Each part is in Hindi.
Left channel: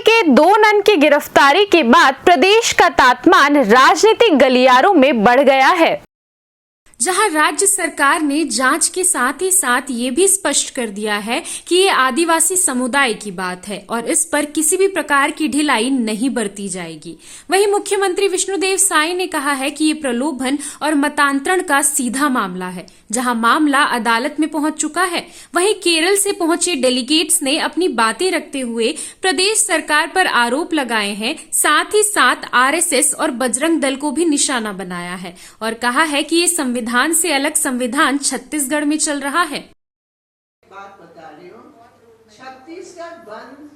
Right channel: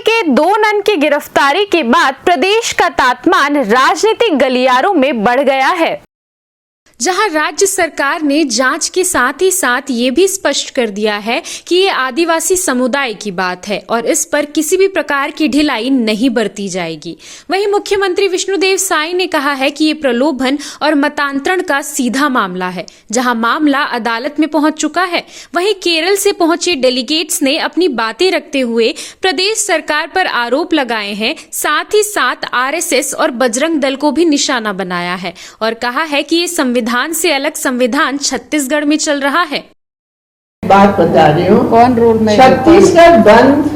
के 2 नन की गिरफ्तारी के बाद प्रदेश का तापमान राजनीतिक गलियारों में बढ़ गया है, जहां राज्य सरकार ने जांच के साथ ही साथ ये भी स्पष्ट कर दिया है कि ये आदिवासी समुदाय की बात है और इस पर किसी भी प्रकार की ढिलाई नहीं बरती जाएगी। वहीं मुख्यमंत्री विष्णुदेव साई ने कहा है कि ये प्रलोभन और मतांतरण का सीधा मामला है, जहां मामला अदालत में पहुंच चुका है। वहीं केरल से पहुंचे डेलीगेट्स ने अपनी बातें रखते हुए प्रदेश सरकार पर आरोप लगाए हैं, साथ ही साथ आरएसएस और बजरंग दल को भी निशाना बनाया है और कहा है कि ये संविधान से अलग संविधान छत्तीसगढ़ में चल रहा है। बात बता रही हूँ, कौन रूल में छत्तीसगढ़ बंद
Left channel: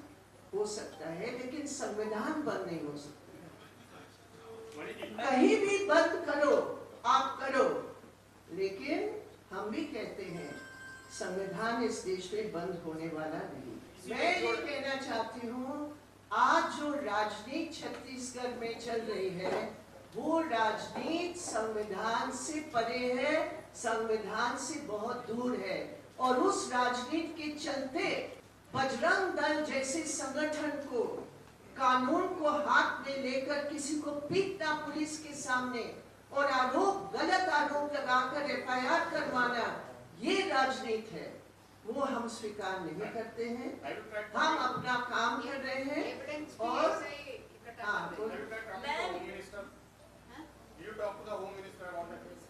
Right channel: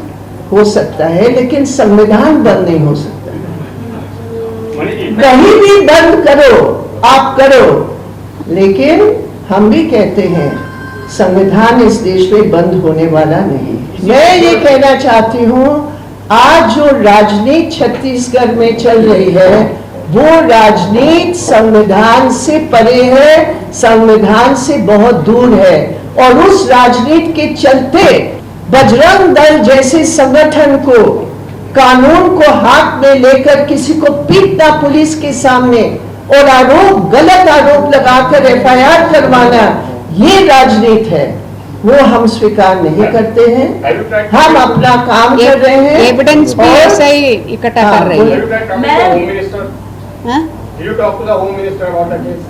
हो सकता है लेकिन संविधान बंद नहीं हो सकता। कहीं भी बंद करो आप करो, लेकिन हम भी कहते हैं संविधान इस देश में बंद होने वाला नहीं। मैं ये कहना चाहती हूँ, आज जो राजनीति छत्तीसगढ़ में चल रही है वो राजनीति संविधान से परे है, संविधान से बहुत दूर है। और उस राजनीति के चलते बजरंग दल जैसे संगठन को कानून को हाथ में लेकर किसी को पीटना पुलिस के सामने और गलत आरोप लगाकर एफआईआर करवाना, ये राजनीति है, वो हम स्वीकार नहीं करते हैं। हम अपना काम कर रहे हैं, एविडेंस भी ऐसा ही इकट्ठा कर रही है। Did you talk to the Home Minister about the case?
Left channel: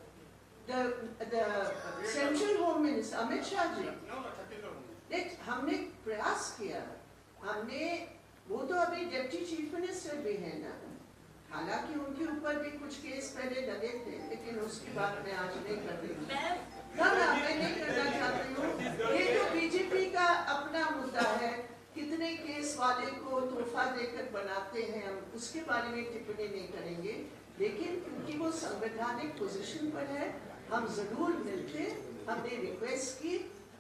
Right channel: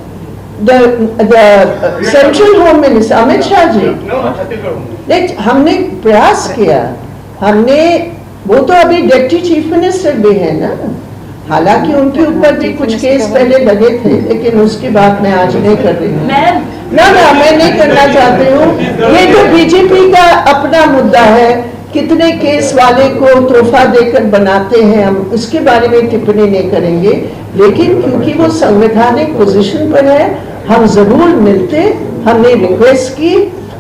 The Central Home Minister Amit Shah ji, No, Chhattisgarh. देख हमने प्रयास किया, हमने वो तो अभी डिप्टी चीफ मिनिस्टर भी है ना, हालांकि उनके ऊपर भी कुछ केस पहले लगे थे, लेकिन उसकी बात मैं आज नहीं कर रही हूँ। ना मैं नहीं करना चाहती हूँ। ये तो बीजेपी का अपना मुद्दा है, कितने केस वाले को तोहफा देकर बनाते हैं, हम उसके बारे में टिप्पणी नहीं करेंगे। लेकिन क्योंकि वो संवैधानिक पोजीशन पर है, हम जरूर मिलते। हमने रिक्वेस्ट की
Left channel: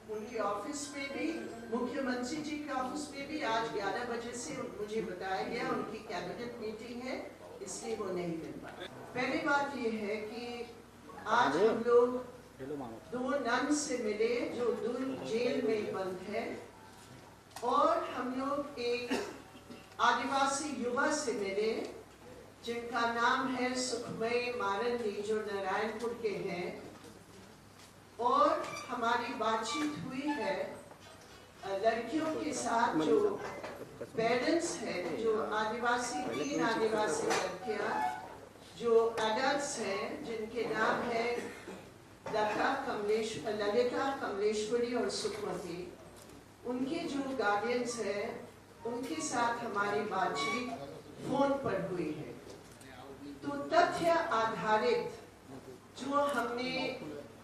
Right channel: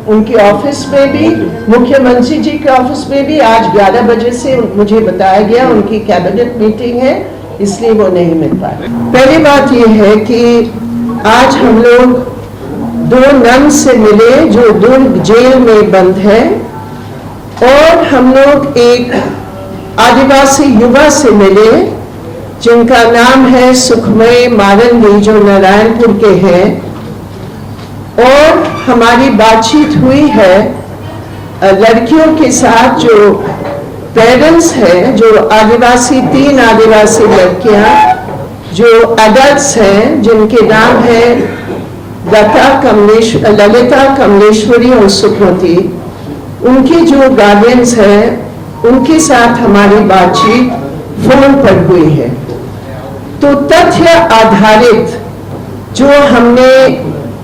उनके ऑफिस में भी, मुख्यमंत्री जी के ऑफिस में भी। आज 11 बजे से मुझे बताया गया उनकी कैबिनेट मीटिंग है, इसलिए वो नहीं मिल पाए। पहली बात ये है कि आज हम लोग 2 नन से मिले जो दुर्ग जेल में बंद है, और हम लोग एक आदिवासी युवा से मिले जिनका नाम है सुखमय मारंगी, जो नारायणपुर के हैं। और हमारी बातचीत हुई है लड़कियों के साथ, जो पेरेंट्स हैं, जो आदिवासी 3 आदिवासी लड़कियां जो एडल्ट्स हैं, जिनके नाम है ललिता, कमलेश्वरी और सुकृति। उनके जो गार्डियंस हैं उनके साथ हमारी बातचीत फोन पर हुई है। तो तथ्य आधारित जो हमने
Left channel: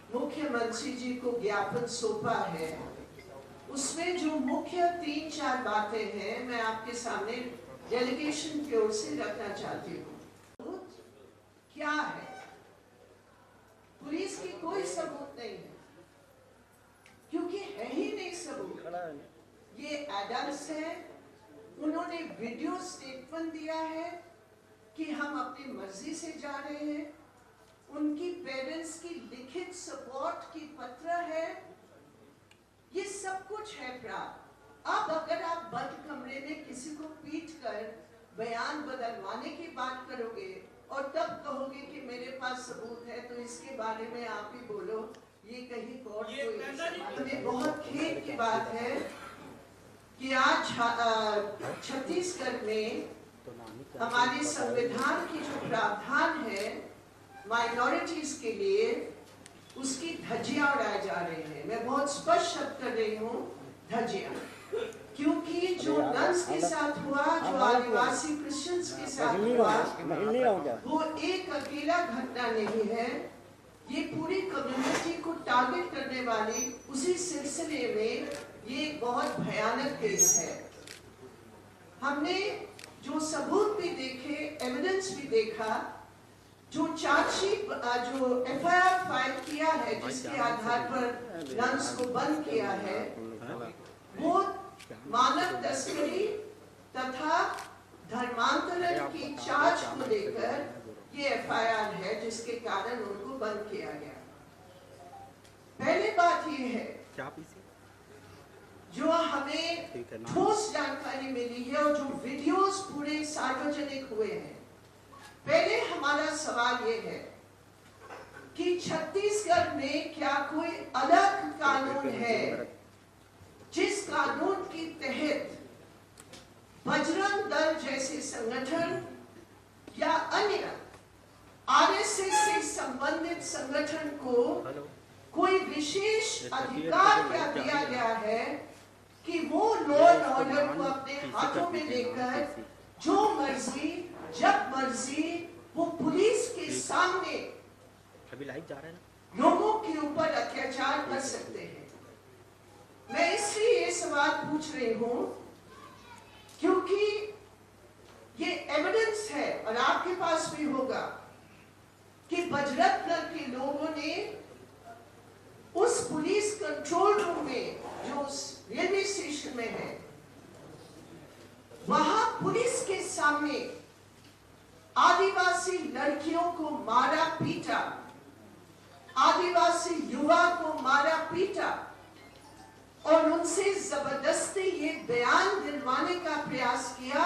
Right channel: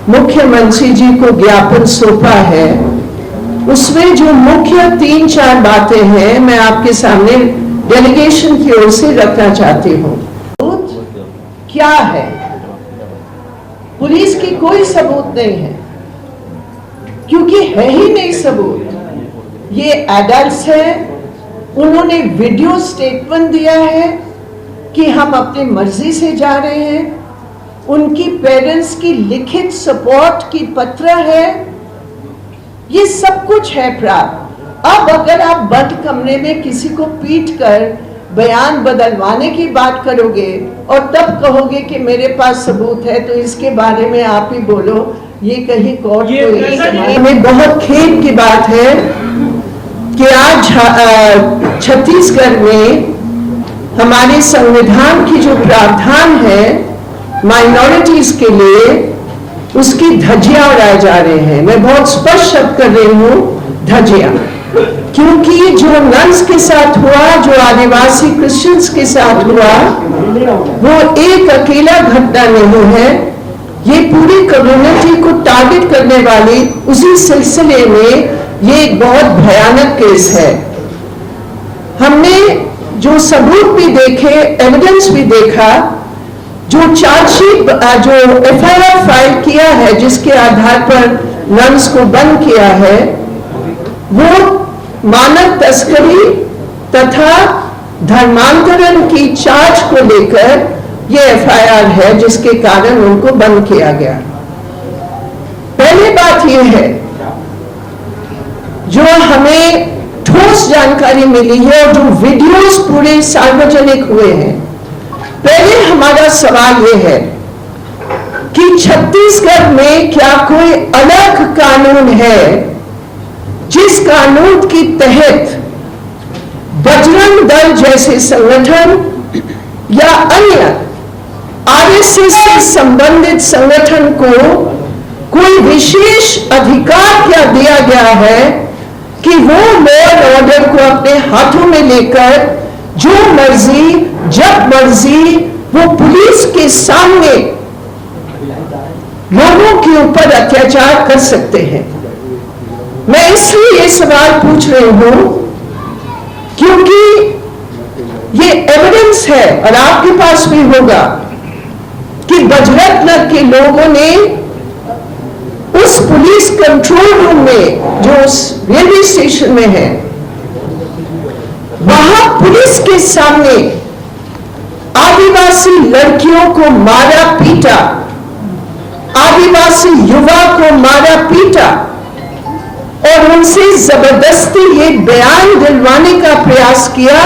मुख्यमंत्री जी को ज्ञापन सौंपा है, उसमें जो मुख्य 3-4 बातें हैं मैं आपके सामने डेलीगेशन की ओर से रखना चाहती हूँ। क्या है? पुलिस की कोई सबूत नहीं है, क्योंकि है ही नहीं सबूत। ये एडल्ट्स हैं, उन्होंने वीडियो स्टेटमेंट दिया है कि हम अपनी मर्जी से जा रहे हैं। उनकी पेरेंट्स की लिखित सपोर्ट की पत्र है, ये सब कुछ है प्राप्त। अब अगर आप बंद कमरे में किसी को पीट कर बयान बदलवाने की बात करोगे और तब कहोगे कि मेरे पास सबूत है, तो इसके बारे में आप ही बोलो, ये कहीं कोर्ट में। बहुत खेद की बात है कि आज छत्तीसगढ़ में हमारे संविधान की जो प्रावधान है माइनॉरिटीज के लिए, उसकी धज्जियां उड़ाए जा रहे हैं। मैं बहुत स्पष्ट शब्द कर रही हूँ, धज्जियां, क्योंकि जो नन्स के साथ हुआ, जो आदिवासी क्रिश्चियंस के साथ हुआ, वो एक अकेला घटना नहीं है, ये पूरी कम्युनिटी को टारगेट करने वाली उसी सिलसिले में ये एक बहुत भयानक केस है। हमने जो सबूत भी देखे, एविडेंस भी देखा, जो चार्जशीट, जो एफआईआर फाइल किया है, जिसके आधार पर नन्स को बंद किया है, वो मानव तस्करी तथा धर्मांतरण की चार्ज को लेकर ये एफआईआर है, जिसके कारण उनको बंद किया गया। पहली बात ये है, जो हमें ठोस जानकारी मिली है और जो वीडियोस पूरे सार्वजनिक हुए हैं, पहले हमारा सवाल यह है कि छत्तीसगढ़ में क्या कोई अलग कानून है जिस कानून के तहत बजरंग दल जैसे संगठन या अन्य आरएसएस से संबंधित संगठन को कोई विशेष अधिकार क्या दिया गया है कि वो लॉ एंड ऑर्डर को अपने हाथों में लेकर जो मर्जी जब मर्जी वो पुलिस के सामने लोगों के ऊपर अत्याचार कर सकते हैं। मैं इसलिए ये सवाल पूछ रही हूं क्योंकि ये एविडेंस है और आपके पास भी होगा कि बजरंग दल के लोगों ने उस पुलिस कंट्रोल रूम में जो उस रेलवे स्टेशन में है, वहां पुलिस के सामने आदिवासी लड़कियों को मारा पीटा, आदिवासी युवा को मारा पीटा और उनसे जबरदस्ती ये बयान दिलवाने का प्रयास किया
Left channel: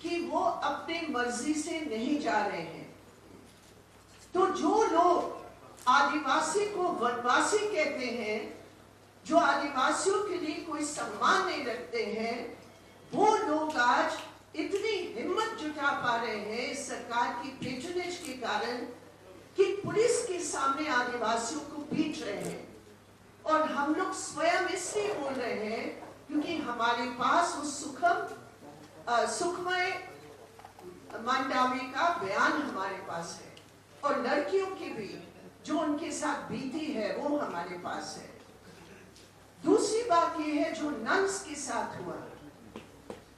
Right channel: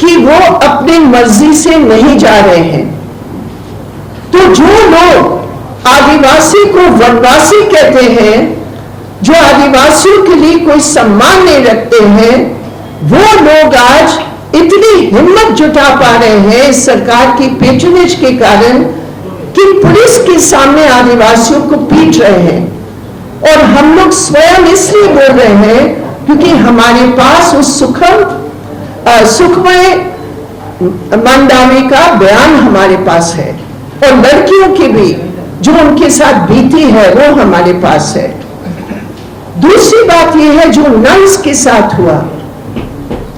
कि वो अपनी मर्जी से नहीं जा रहे हैं। तो जो लोग आदिवासी को वनवासी कहते हैं, जो आदिवासियों के लिए कोई सम्मान नहीं रखते हैं, वो लोग आज इतनी हिम्मत जुटा पा रहे हैं सरकार की पेट्रोनेज के कारण कि पुलिस के सामने आदिवासियों को पीट रहे हैं। और हम लोग स्वयं इसलिए बोल रहे हैं क्योंकि हमारे पास उस सुखमय मंडावी का बयान हमारे पास है और लड़कियों की भी जो उनके साथ बीती है वो हमारे पास है। दूसरी बात यह है जो नन्स के साथ हुआ,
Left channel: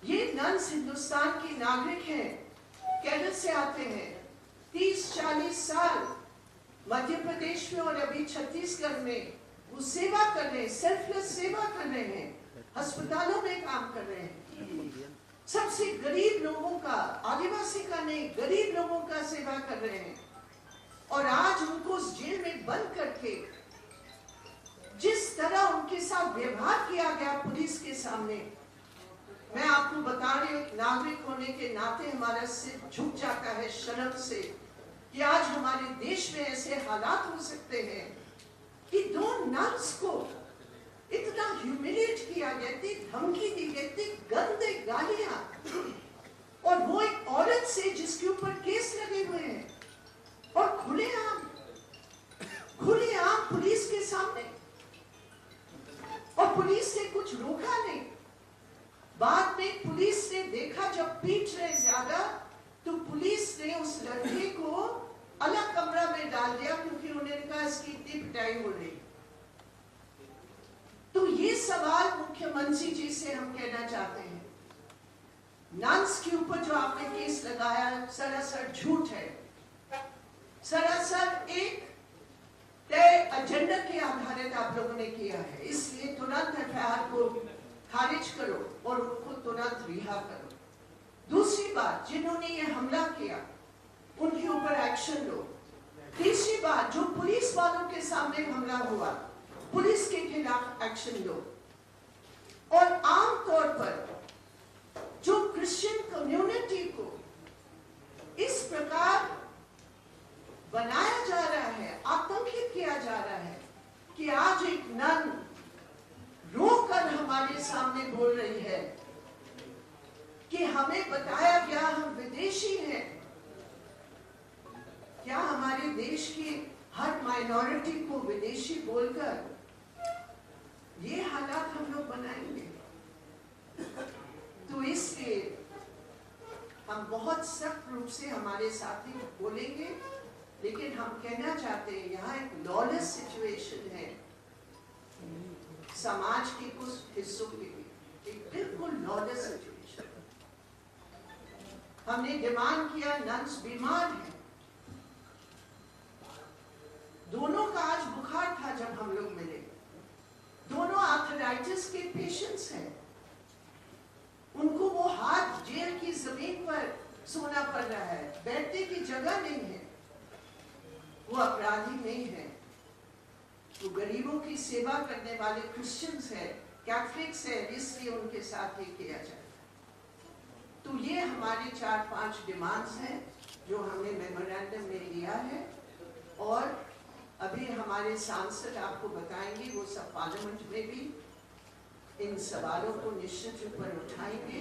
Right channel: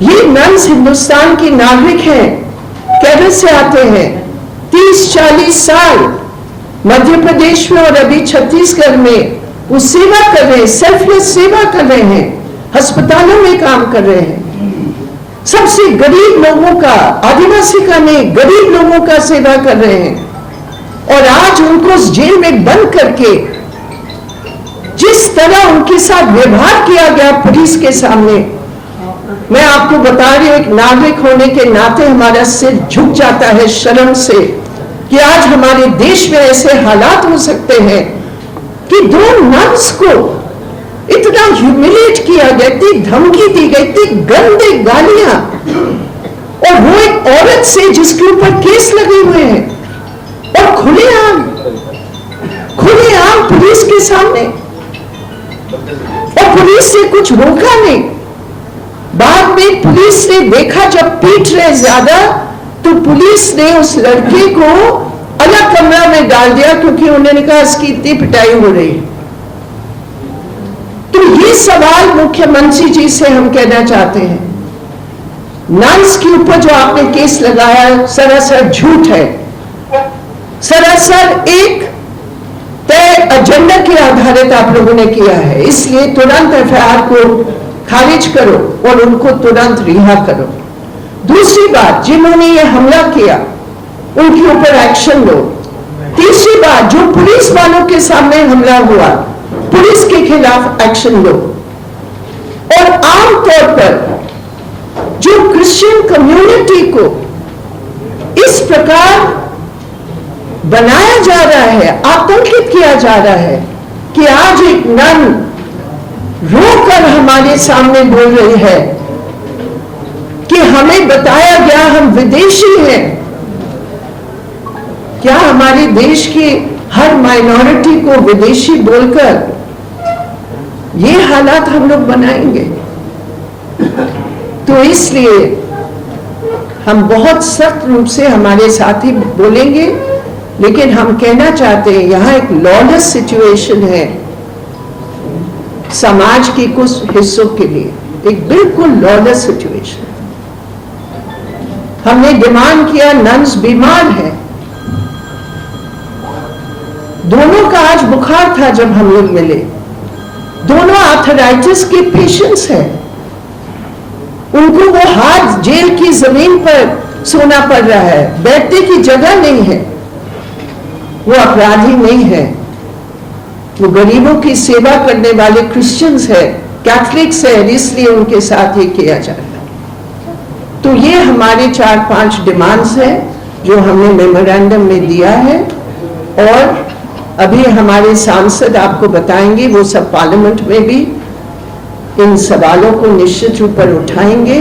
ये नन्स हिंदुस्तान के नागरिक हैं, केरल से आते हैं, 30-40 साल मध्य प्रदेश में और अभी छत्तीसगढ़ में वो सेवा कर रहे हैं, सेल्फलेस सेवा कर रहे हैं, अस्पतालों में काम कर रहे हैं, सबसे गरीब लोगों का, आदिवासी का नहीं, गरीब लोगों का सेवा कर रहे हैं। और आज उनको उस जेल में बंद करके जिस तरह उनके साथ व्यवहार किया गया पुलिस के सामने, मैं आपको बता रही हूं, एक नागरिक होने के नाते हमारा सिर झुक जाता है शर्म से कि आज हमारे देश में ऐसे हालात हो सकते हैं कि 2 नन्स को इतना ह्यूमिलेट किया गया, इतनी धमकी दी गई, इतनी गंदे गालियां, और वो एक औरत से जिसके ऊपर केस लगे हुए हैं और खुलेआम पुलिस के सामने, और पुलिस ने कुछ रोका नहीं। बाद में पुलिस ने देखा जब पीट रहे ज्यादा तो पुलिस ने उस लड़के को अलग कमरा में डाल दिया क्योंकि उन्होंने कहा इसकी इतनी पिटाई हो रही है। तो ये सवाल मुख्यमंत्री जी से हम कहना चाहते हैं, नन्स के ऊपर जो आपने केस लगाया सरासर झूठ है, सरासर एक तय एजेंडा के आधारित आप लोगों ने किया है। इसलिए तुरंत एफआईआर को खारिज करो और उनको तुरंत रिहा करो। दूसरी बात, जिन्होंने ये हमला किया उनके ऊपर एक्शन लो। तीसरी बात, जो पुलिस वालों के सामने हमला हुआ पुलिस के खिलाफ एक्शन लो। और आमतौर पर जो क्रिश्चियन कम्युनिटी को इस प्रकार बनाया जा रहा है, आतंकित किया जा रहा है कि आज एक नन रोकर हमारे सामने बोल रही है कि हमें बताया गया हम विदेशी हैं। क्या हमारे देश की हर माइनॉरिटी को विदेशी बोलकर ये हालात हम लोग बनाएंगे? तो इसलिए हम बहुत सख्त रूप से हमारे साथी बोलेंगे, लेकिन हम कहना चाहते हैं यहां एक लॉलेस सिचुएशन है समाज के कुछ हिस्सों के लिए, एक बिल्कुल लॉलेस सिचुएशन। हमने डिमांड किया, नन्स बीमार है, दोनों का आज बुखार था जब हम लोग मिले, दोनों आर्थराइटिस के पेशेंट्स हैं, उनको वो हाथ जेल की जमीन पर सोना पड़ रहा है, बैठने की जगह नहीं है। वो अपराधी नहीं है, वो गरीबों की सेवा करने वाले क्रिश्चियंस है कैथलिक्स है, इसलिए उनके साथ ये किया जाता है। तो ये हमारे 4-5 डिमांड्स हैं जो हमने मेमोरेंडम में दिया है, और अभी हमारे सांसद आपको बताएंगे, वो सब पार्लियामेंट में भी इन सवालों को निश्चित रूप पर उठाएंगे।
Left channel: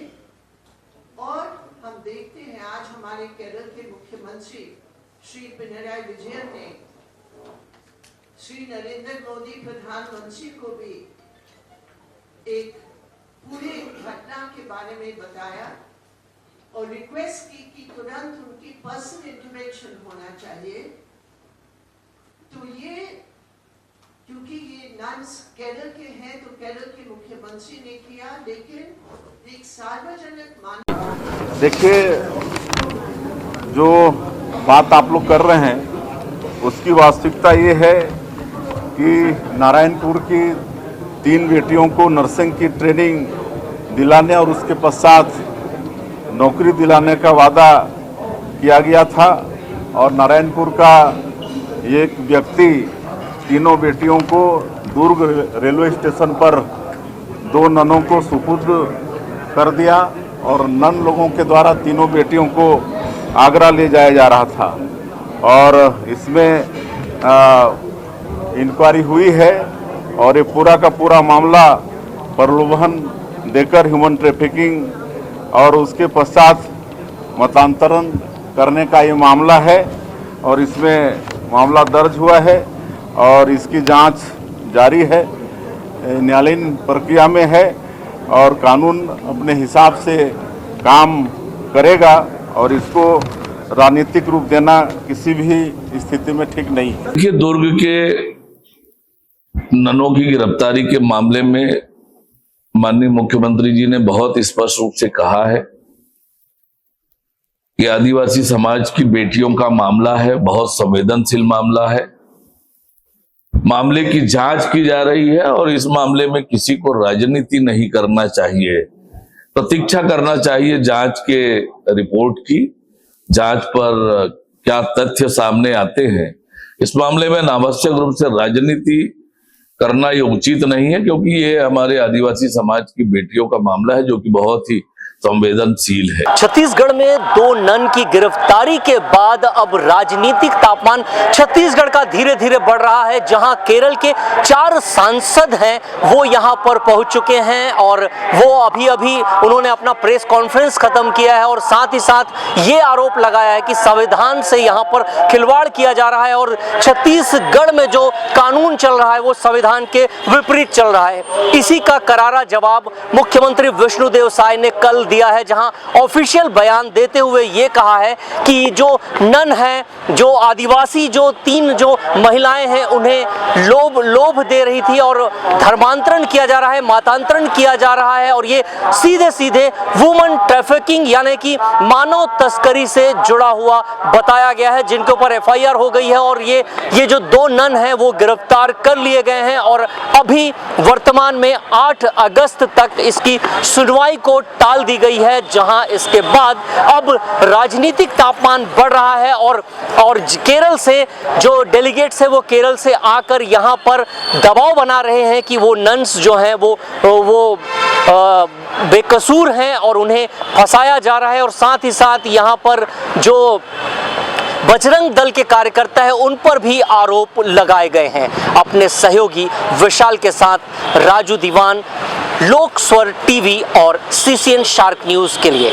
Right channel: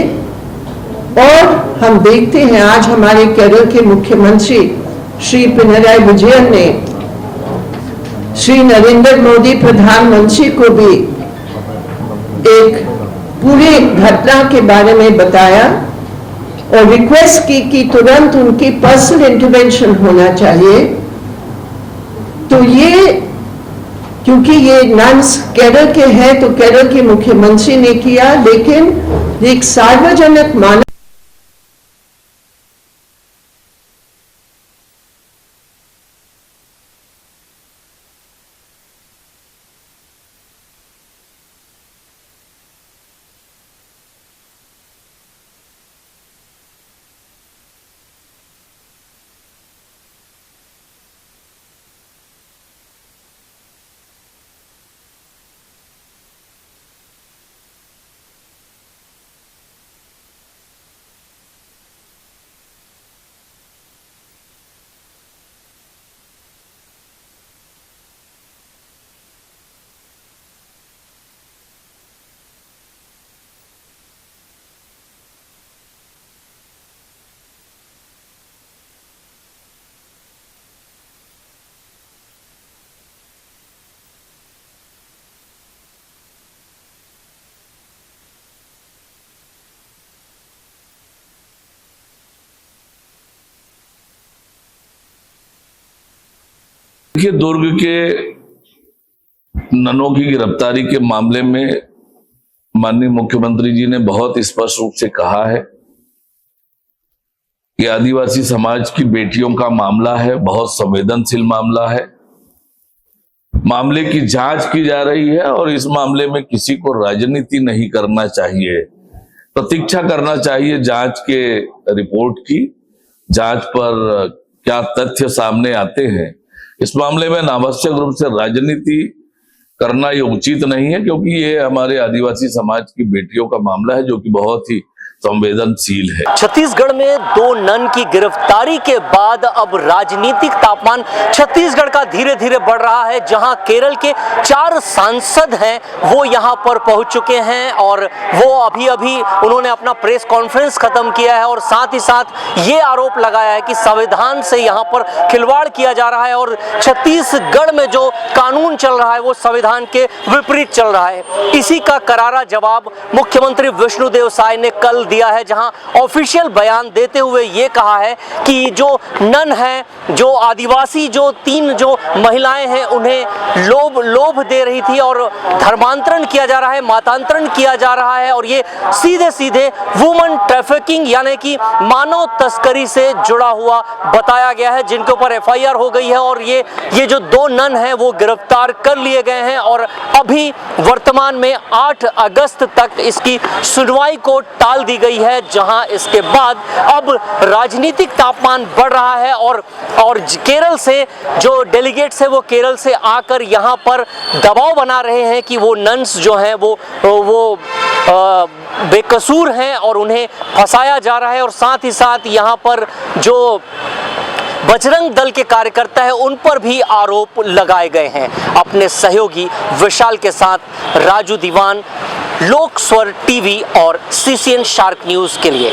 और हम देखते हैं आज हमारे केरल के मुख्यमंत्री श्री पिनराई विजयन ने श्री नरेंद्र मोदी प्रधानमंत्री को भी एक पूरे घटना के बारे में बताया और रिक्वेस्ट की कि तुरंत उनकी पर्सनल इंटरवेंशन होना चाहिए। तो ये क्योंकि ये नन्स केरल के हैं तो केरल के मुख्यमंत्री ने किया, लेकिन एक सार्वजनिक मानव, देखिए जो बात आप लोग कर रहे हैं उसकी वास्तविकता ये है कि नारायणपुर की 3 बेटियों को नर्सिंग की ट्रेनिंग दिलाने और उसके पश्चात नौकरी दिलाने का वादा किया गया था, और नारायणपुर का एक व्यक्ति तीनों बेटियों को दुर्ग रेलवे स्टेशन पर 2 ननों को सुपुर्द कर दिया, और नन लोगों के द्वारा तीनों बेटियों को आगरा ले जाया जा रहा था। और इसमें इंक्वायरी हुई है और ये पूरा का पूरा मामला प्रलोभन देकर ह्यूमन ट्रैफिकिंग और उसके पश्चात मतांतरण करने का ये मामला है, और इसमें मामला दर्ज हुआ है और इसकी जांच जारी है, न्यायालयीन प्रक्रिया में है, और कानून अपने हिसाब से काम करेगा, और इसको राजनीतिक रूप देना किसी भी स्थिति में ठीक नहीं है। देखिए, दुर्ग के ननों की गिरफ्तारी के मामले में माननीय मुख्यमंत्री जी ने बहुत स्पष्ट रूप से कहा है कि आदिवासी समाज की बेटियों का मामला है, बहुत संवेदनशील मामला है। मामले की जांच की जा रही है और इस मामले में किसी को राजनीति नहीं करना चाहिए, प्रतीक्षा करना चाहिए जांच के रिपोर्ट की, जांच पर क्या तथ्य सामने आते हैं। इस मामले में अनावश्यक रूप से राजनीति करना ये उचित नहीं है, क्योंकि ये हमारे आदिवासी समाज की बेटियों का मामला है जो कि बहुत ही संवेदनशील है। छत्तीसगढ़ में 2 नन की गिरफ्तारी के बाद अब राजनीतिक तापमान छत्तीसगढ़ का धीरे धीरे बढ़ रहा है, जहां केरल के 4 सांसद हैं वो यहां पर पहुंच चुके हैं, और वो अभी अभी उन्होंने अपना प्रेस कॉन्फ्रेंस खत्म किया है और साथ ही साथ ये आरोप लगाया है कि संविधान से यहां पर खिलवाड़ किया जा रहा है और छत्तीसगढ़ में जो कानून चल रहा है वो संविधान के विपरीत चल रहा है। इसी का करारा जवाब मुख्यमंत्री विष्णुदेव साय ने कल दिया है, जहां ऑफिशियल बयान देते हुए ये कहा है कि जो नन है, जो आदिवासी जो 3 जो महिलाएं हैं, उन्हें लोभ दे रही थी और धर्मांतरण किया जा रहा है, मतांतरण किया जा रहा है, और ये सीधे सीधे वुमन ट्रैफिकिंग यानी कि मानव तस्करी से जुड़ा हुआ बताया गया है, जिनके ऊपर FIR हो गई है। और ये जो 2 नन हैं वो गिरफ्तार कर लिए गए हैं, और अभी वर्तमान में 8 अगस्त तक इसकी सुनवाई को टाल दी गई है, जहां इसके बाद अब राजनीतिक तापमान बढ़ रहा है, और केरल से जो डेलीगेट्स है वो केरल से आकर यहां पर दबाव बना रहे हैं कि वो नन्स जो हैं वो बेकसूर हैं और उन्हें फंसाया जा रहा है, और साथ ही साथ यहां पर जो बजरंग दल के कार्यकर्ता है उन पर भी आरोप लगाए गए हैं। अपने सहयोगी विशाल के साथ राजू दीवान, लोक स्वर टीवी और CCN शार्क न्यूज के लिए।